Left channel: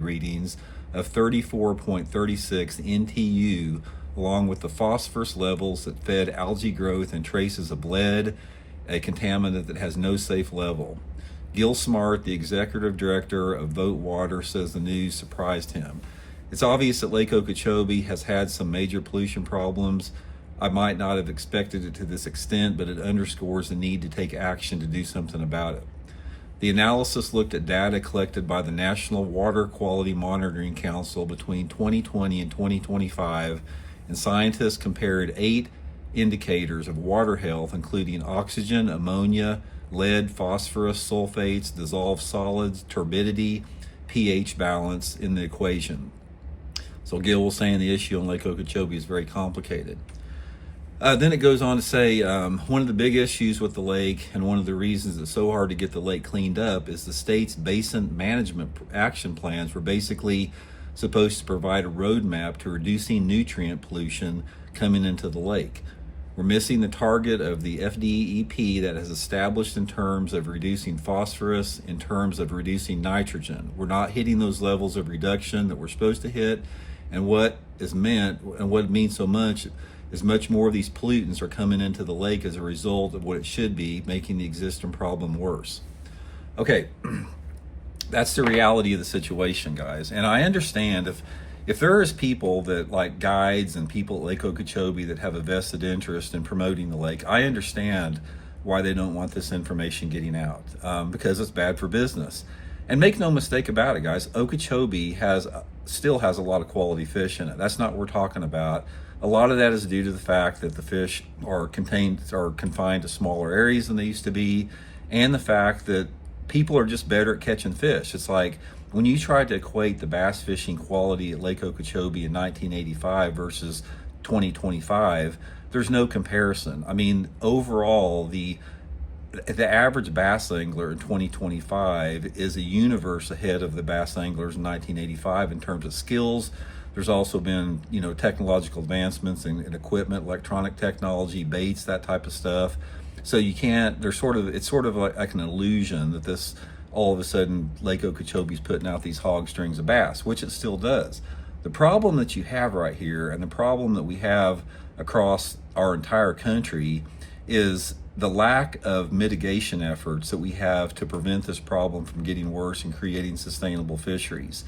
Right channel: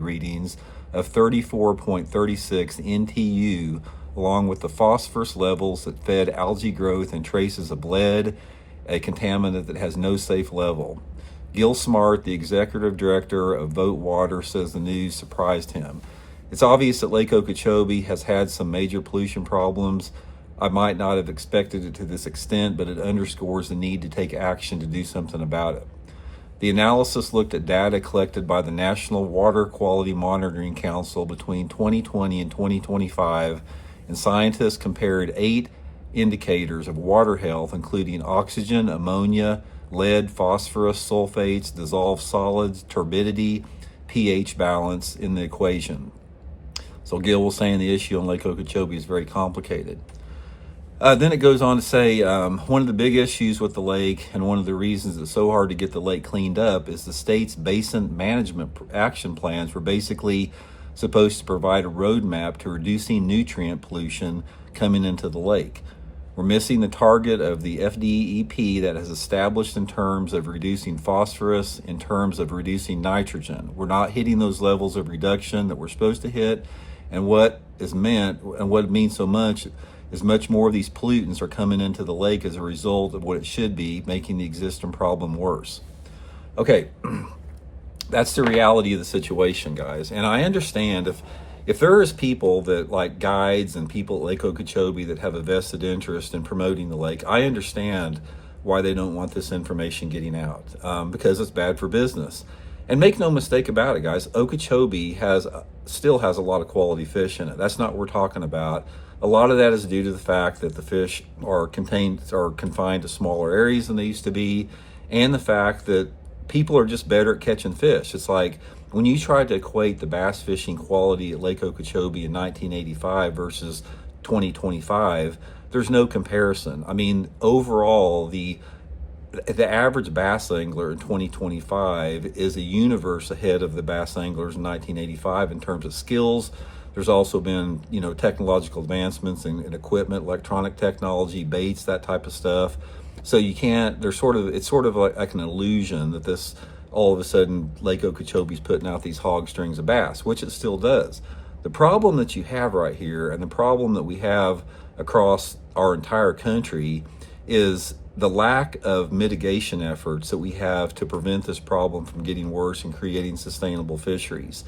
readings of 34.36 NTU, along with the phosphorus levels that fed algae growth and traces of lead, a contaminant that has no safe level. Gil Smart, the executive director of Vote Water, says the news surprised him. It's obvious that Lake Okeechobee has had some major pollution problems. I might not have expected it to this extent, but it underscores the need to take action to do something about it. The analysis looked at data collected by the National Water Quality Monitoring Council between 2020 and 2025, and scientists compared 8 indicators of water health, including oxygen, ammonia, lead, phosphorus, sulfates, dissolved solids, turbidity, pH balance in the equation. So Gil was saying the issue on Lake Okeechobee is very complicated. Then it goes on to say one of the big issues with the lake, and one of the reasons it's so hard to get the lake cleaned up, is the state's basin management action plans were basically supposed to provide a roadmap to reducing nutrient pollution coming into the lake. We're missing the target of the FDEP that is established in terms of reducing phosphorus, in terms of reducing nitrogen. We're not hitting those levels of reduction that we're supposed to hit, and what is meant, and what it means so much, is much more of these pollutants are coming into the lake as a result of what it should be, making the existing problem worse. Okay, that's the reality of the situation, guys. And I understand if there is people that, like guides and people at Lake Okeechobee, that have a vested interest in promoting the lake, I understand why they don't want this information getting out, because it's bad for business. And make no mistake about it, guys, Okeechobee still has a lot of quality fish in it. That's not what we're talking about. A lot of that is due to the fact that the fish are confined to smaller areas than they used to be, and the fact that people are just better at catching fish. It's like when you try to equate the bass fishing quality at Lake Okeechobee in 1985 versus 2025, there's no comparison. I mean, overall, the average bass angler in 2025 is a universe ahead of the bass anglers in 1985 in terms of skills. There's also been, technological advancements in equipment, electronic technology, baits, that type of stuff. So you can't, it's sort of like an illusion that this, all of a sudden, Lake Okeechobee's putting out these hog strings of bass, which it still does. The problem that you have right here, and the problem that we have across our entire country, is the lack of mitigation efforts that we have to prevent this problem from getting worse and creating sustainable fisheries.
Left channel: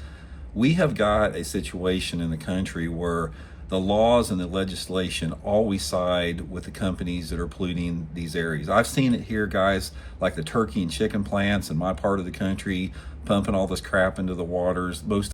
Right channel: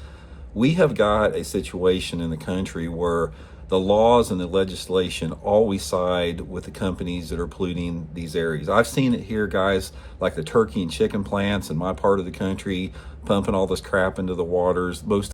We have got a situation in the country where the laws and the legislation always side with the companies that are polluting these areas. I've seen it here, guys, like the turkey and chicken plants in my part of the country, pumping all this crap into the waters. Most